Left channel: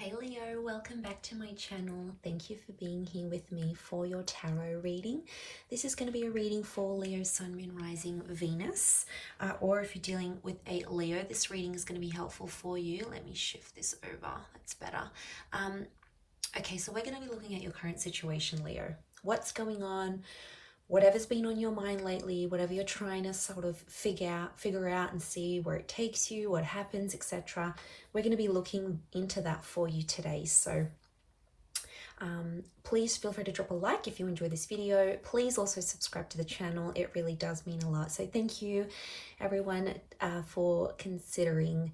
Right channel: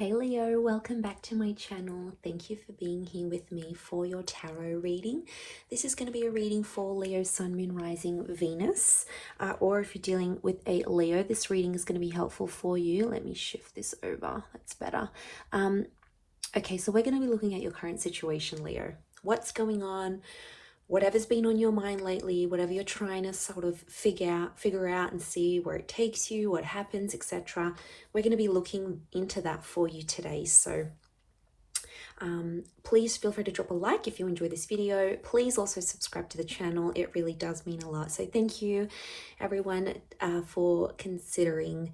Hey Leo, welcome back to my channel. Thank you for being here with me for your tarot reading. This is going to be a reading for Leo, Sun, Moon, Rising, Venus. Or if you're dealing with a Leo, this reading is going to be helpful for you. Let me shift this over. That's better. Okay, so we're going to be looking at your current situation, Leo. What's going on? Whatever's been on your mind lately, whatever you're trying to sort of figure out and see where it takes you, what happens, etc. We're going to be looking into that for you today. So please feel free to drop a like if you enjoy this video. Please also subscribe to the channel. It really does mean a lot. So thank you everyone for considering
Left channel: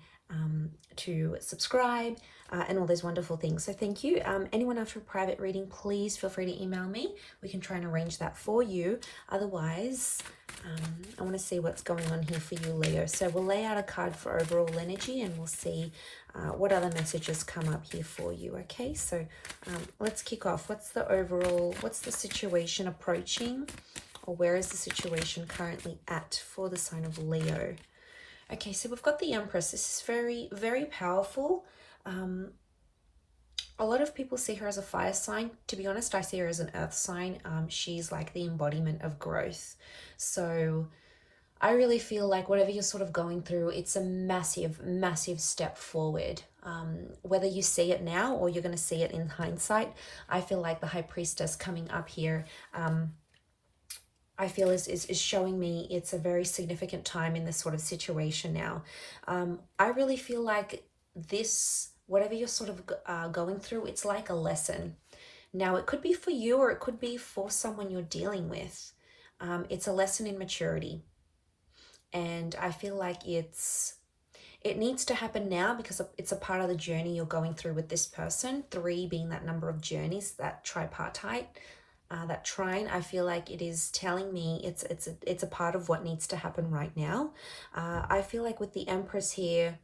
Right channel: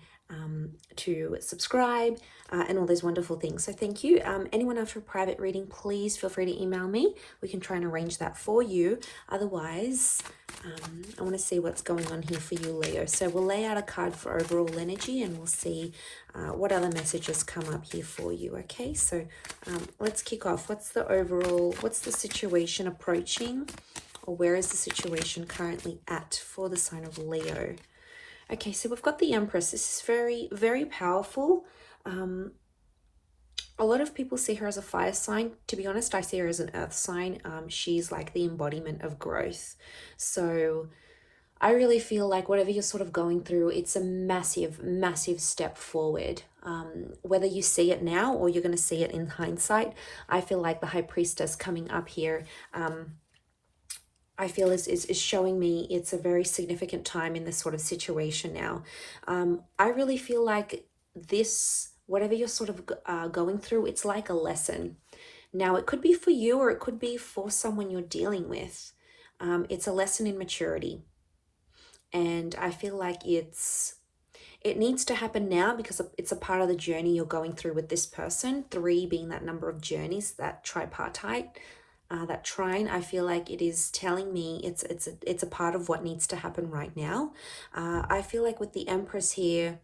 to subscribe and all those wonderful things. So thank you. Anyone after a private reading, please feel free to email me. We can try and arrange that for you. Otherwise, I want to see what's going on here for you, Leo. So we'll lay out a card for overall energy and we'll see what other messages come up here for you. Okay, so let's kick off. What's the situation approaching, or where is the situation currently at for the sign of Leo? Okay, so we've got the Empress. This is very, very powerful. A lot of people see her as a fire sign. To be honest, I see her as an earth sign. She's like the embodiment of growth. So I really feel like whatever you're sort of going through, it's a massive, massive step forward. Whether you see it now or you're going to see it in hindsight, I feel like the High Priestess coming up here, I feel is showing me it's a very significant time in this sort of situation now. I really feel like this, whatever you're sort of going through, it's like a lesson. Now, it could be for you or it could be for someone you're dealing with. It's a lesson in maturity. And I feel like it needs to happen now because it's a part of the journey you're going through with this person. 3 being that number of journeys, that tripartite. That trine, I feel like it is telling me it's a part of what needs to happen right now. I feel like with the Empress here,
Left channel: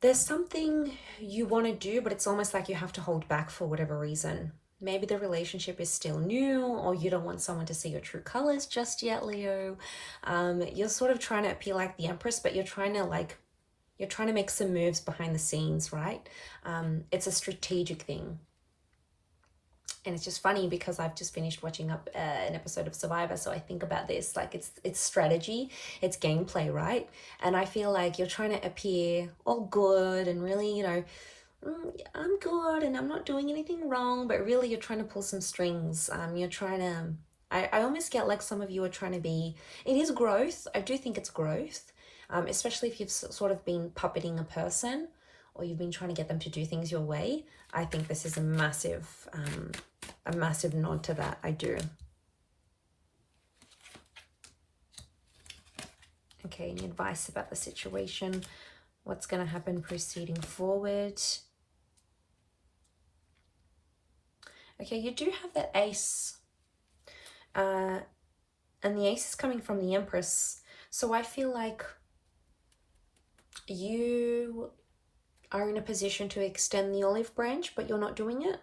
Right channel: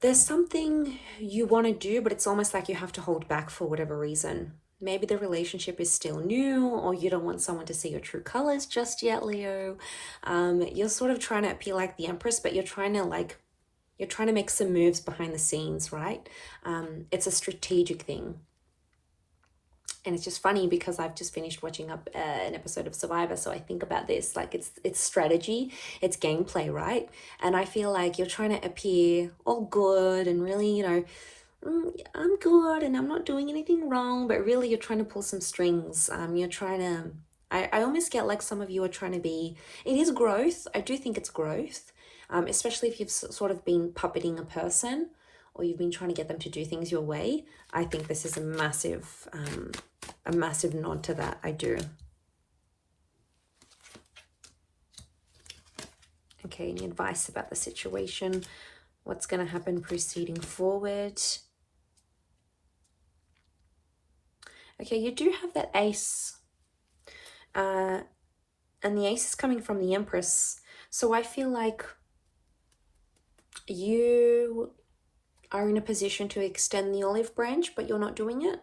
there's something you want to do, but it's almost like you have to hold back for whatever reason. Maybe the relationship is still new, or you don't want someone to see your true colors just yet, Leo. You're sort of trying to appear like the Empress, but you're trying to make some moves behind the scenes, right? It's a strategic thing. And it's just funny because I've just finished watching an episode of Survivor, so I think about this like it's strategy, it's gameplay, right? And I feel like you're trying to appear all good and really, I'm good and I'm not doing anything wrong, but really you're trying to pull some strings. You're trying to, I almost get like some of you are trying to be, it is growth. I do think it's growth, especially if you've sort of been puppeting a person or you've been trying to get them to do things your way. I think this is a massive nod to that. I do. Okay, any advice about the situation? What's going to happen proceeding forward? Okay, you do have that Ace. And the Ace is coming from the Empress. So I feel like you are in a position to extend the olive branch, but you're not doing it.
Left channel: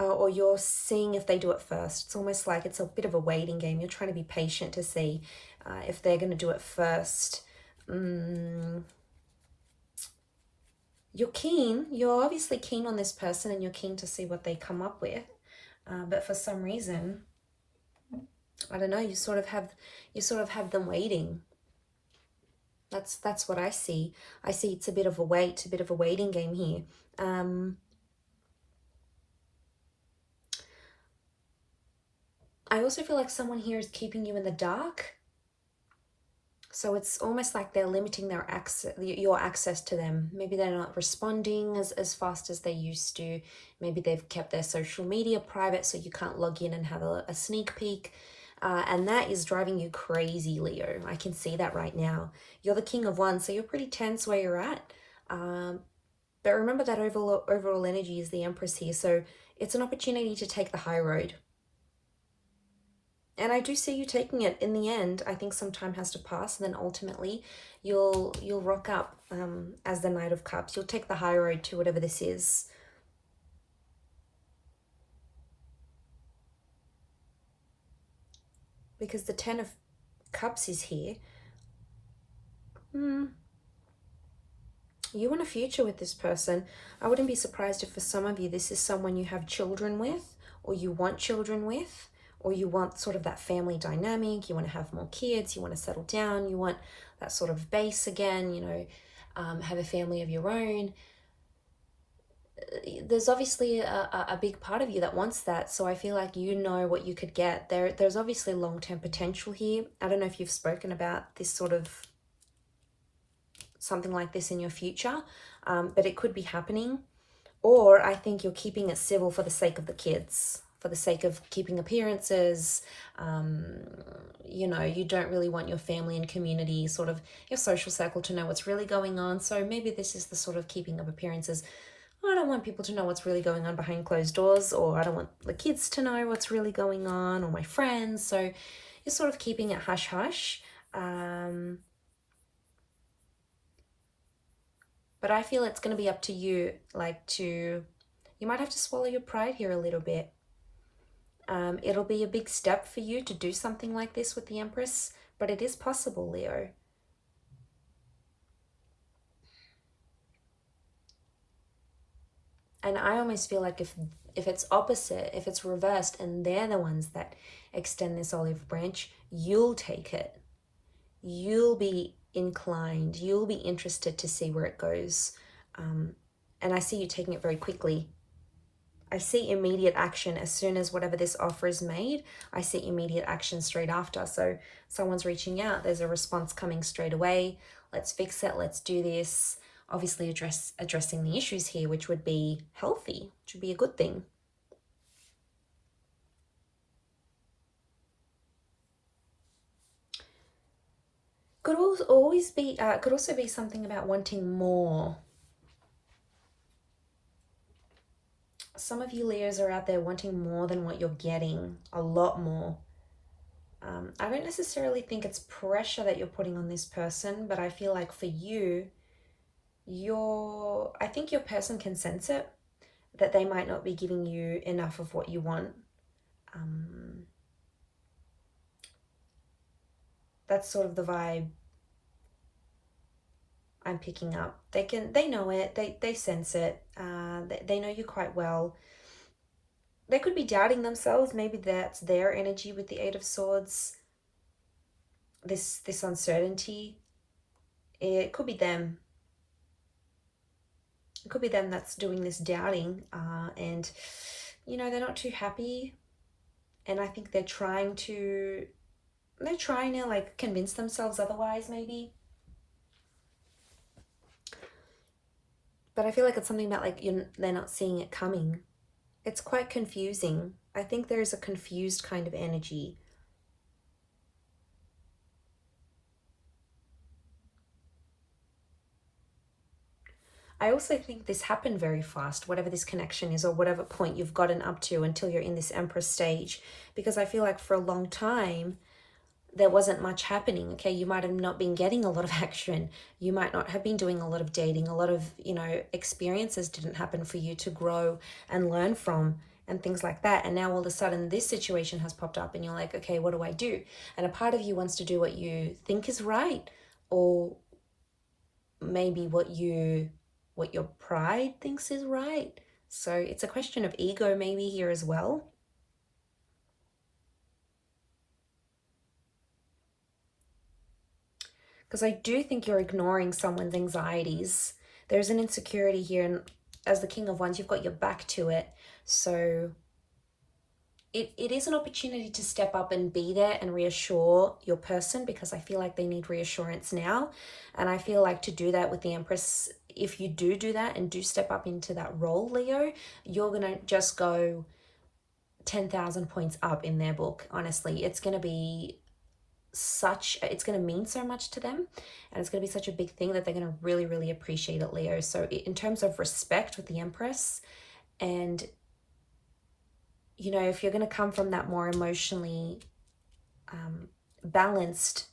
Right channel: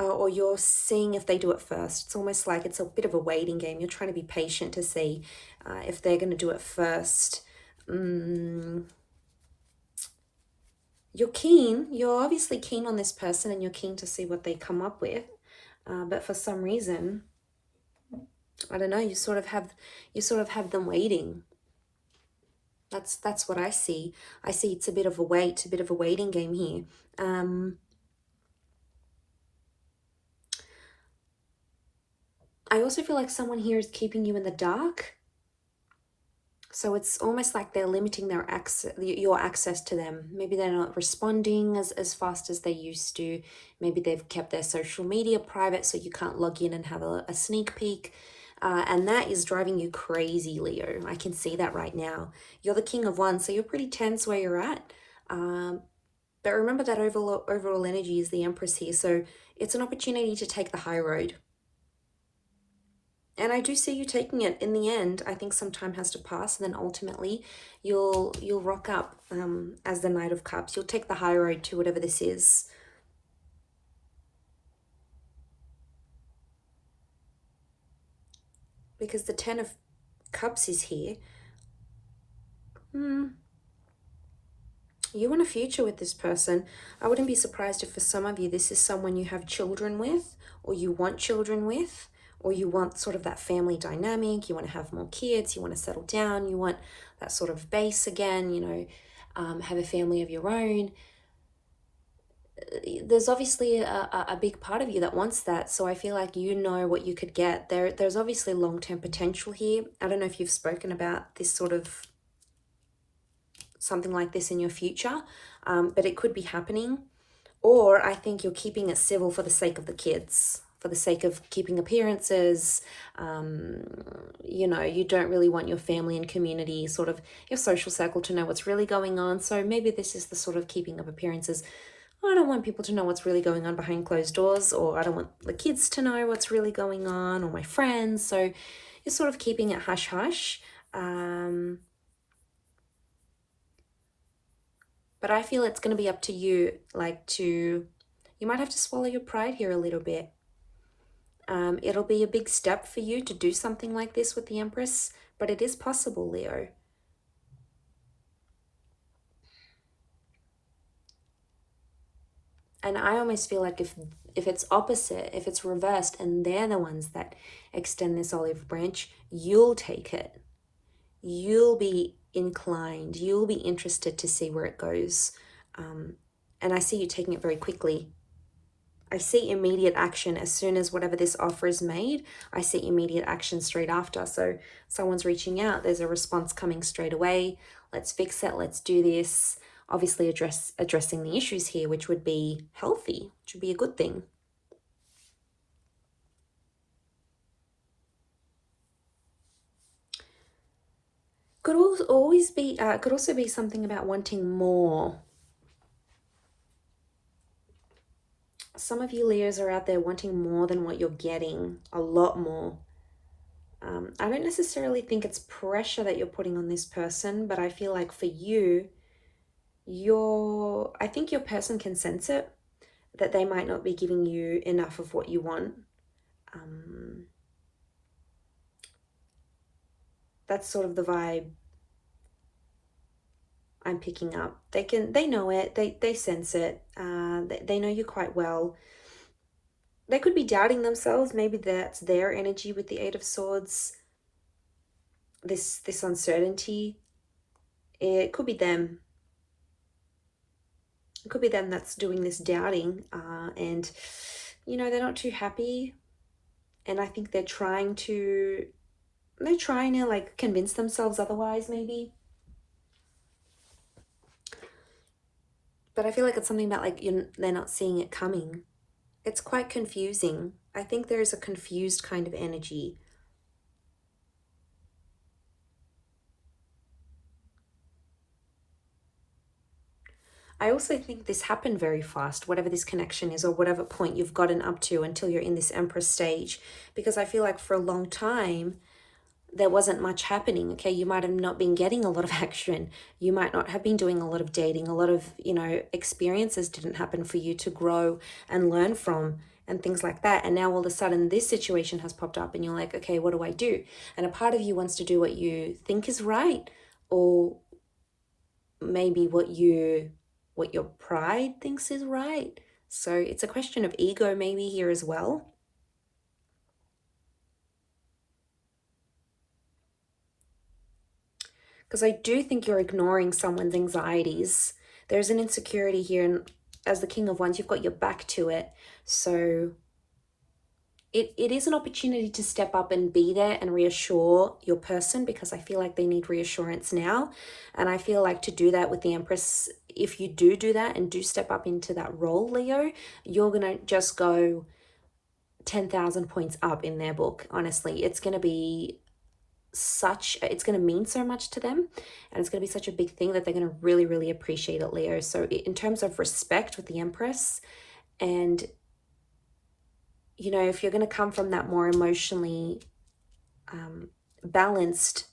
Or you're seeing if they do it first. It's almost like it's a bit of a waiting game. You're trying to be patient to see if they're going to do it first. You're keen. You're obviously keen on this person and you're keen to see what they come up with. But for some reason, I don't know, you sort of have them waiting. That's what I see. I see it's a bit of a waiting game here. I also feel like someone here is keeping you in the dark. So it's almost like they're limiting their your access to them. Maybe they're not responding as fast as they used to. Maybe they've kept their social media private so you can't log in and have a sneak peek. And that is driving you crazy, Leo. I can see that right now. You're the King of Wands, so you're pretty tense where you're at. But remember that overall energy is the Empress here. So it's an opportunity to take the high road. And I do see you taking it in the end. I think some time has to pass, and then ultimately you'll rock up as the Knight of Cups. You'll take the high road to whatever this is. Because the 10 of Cups is here. You want a future with this person. I wouldn't be surprised if for some of you this is someone you have children with, or you want children with, or you want sort of that family dynamic. You want to have more kids, you want to settle down, you want that sort of base again, have a family of your own. There's obviously a big part of you that wants that, so I feel like you know what you could get. There's obviously long-term potential here. I don't know if you've spoken about this sort of something like this in your future, but it could be happening. Or I think you're keeping it civil for the sake of the kids, for the sake of keeping appearances. You don't really want your family and community, sort of your social circle, to know what's really going on. So maybe this is the sort of keeping of appearances. I don't want people to know what's really going on behind closed doors, or I don't want the kids to know what's really going on, or my friends. So you're sort of keeping it hush hush. But I feel it's going to be up to you, you might have to swallow your pride here a little bit. It'll be a big step for you to do something like this with the Empress, but it is possible, Leo. And I almost feel like if it's opposite, if it's reversed, and they're the ones that extend this olive branch, you'll take it. You'll be inclined, you'll be interested to see where it goes. And I see you taking it very quickly. I see immediate action as soon as whatever this offer is made. I see immediate action straight after. So someone's reaching out, there's a response coming straight away. Let's fix it, let's do this. Obviously addressing the issues here, which would be healthy, which would be a good thing. Could also be something about wanting more. Some of you Leos are out there wanting more than what you're getting, a lot more. I don't necessarily think it's pressure that you're putting on this person, but I feel like for you, I think your person can sense it, that they might not be giving you enough of what you want. That's sort of the vibe I'm picking up. They know it, they sense it, they know you quite well. They could be doubting themselves. Maybe that's their energy with the Eight of Swords. This uncertainty. It could be them. It could be them that's doing this doubting, and they're not too happy. And I think they're trying to like convince themselves otherwise, maybe. But I feel like it's something about like they're not seeing it coming. It's quite confusing. I think there is a confused kind of energy. I also think this happened very fast, whatever this connection is, or whatever point you've gotten up to until you're in this Empress stage, because I feel like for a long time there wasn't much happening. Okay, you might have not been getting a lot of action, you might not have been doing a lot of dating, a lot of experiences didn't happen for you to grow and learn from and things like that. And now all of a sudden this situation has popped up and you're like, okay, what do I do? And a part of you wants to do what you think is right, or maybe what your pride thinks is right. So it's a question of ego maybe here as well. Because I do think you're ignoring someone's anxieties. There's an insecurity here, and as the King of Wands, you've got your back to it. So it is an opportunity to step up and be there and reassure your person, because I feel like they need reassurance now. And I feel like to do that with the Empress, if you do that and do step up into that role, Leo, you're going to just go 10,000 points up in their book. Honestly, it's going to be it's going to mean so much to them, and it's going to be such a big thing that they're going to really, really appreciate it, Leo. So in terms of respect with the Empress, and if you're going to come from that more emotionally balanced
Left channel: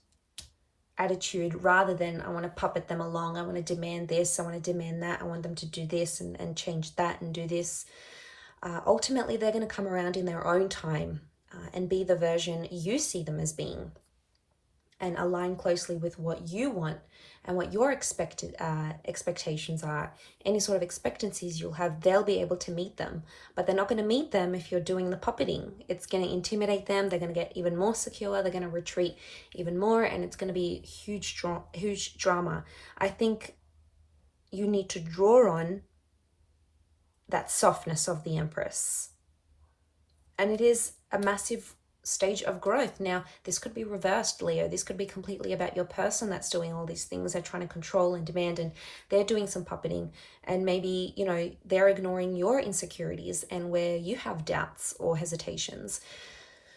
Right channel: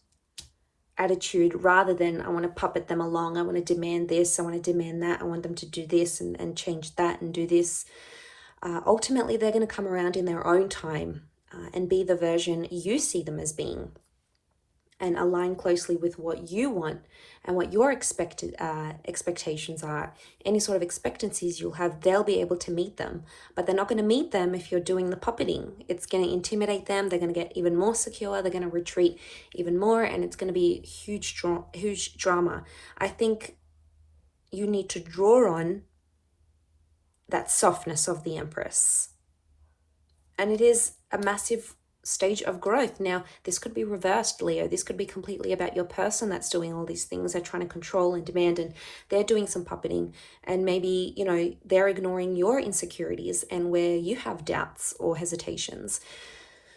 attitude, rather than I want to puppet them along, I want to demand this, I want to demand that, I want them to do this and change that and do this, ultimately they're going to come around in their own time and be the version you see them as being. and align closely with what you want and what your expectations are. Any sort of expectancies you'll have, they'll be able to meet them, but they're not going to meet them if you're doing the puppeting. It's going to intimidate them. They're going to get even more secure. They're going to retreat even more, and it's going to be huge drama. I think you need to draw on that softness of the Empress, and it is a massive stage of growth. Now, this could be reversed, Leo. This could be completely about your person that's doing all these things. They're trying to control and demand, and they're doing some puppeting, and maybe, you know, they're ignoring your insecurities and where you have doubts or hesitations.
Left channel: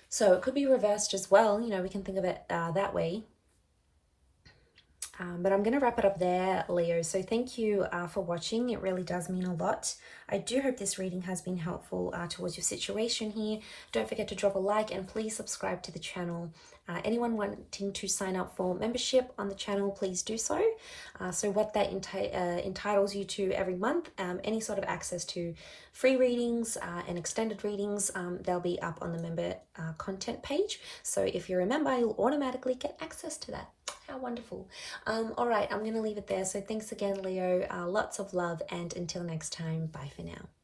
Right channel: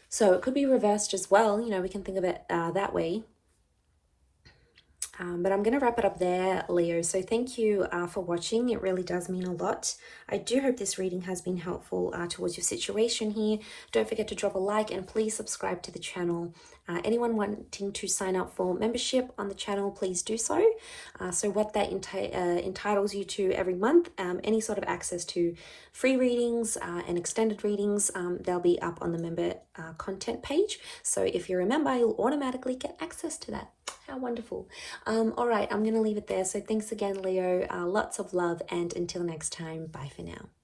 So it could be reversed as well. You know, we can think of it that way. But I'm going to wrap it up there, Leo. So thank you for watching. It really does mean a lot. I do hope this reading has been helpful towards your situation here. Don't forget to drop a like and please subscribe to the channel. Anyone wanting to sign up for membership on the channel, please do so. So what that entitles you to every month, any sort of access to free readings and extended readings, they'll be up on the member content page. So if you're a member, you'll automatically get access to that. How wonderful. All right, I'm going to leave it there. So thanks again, Leo. Lots of love, and until next time, bye for now.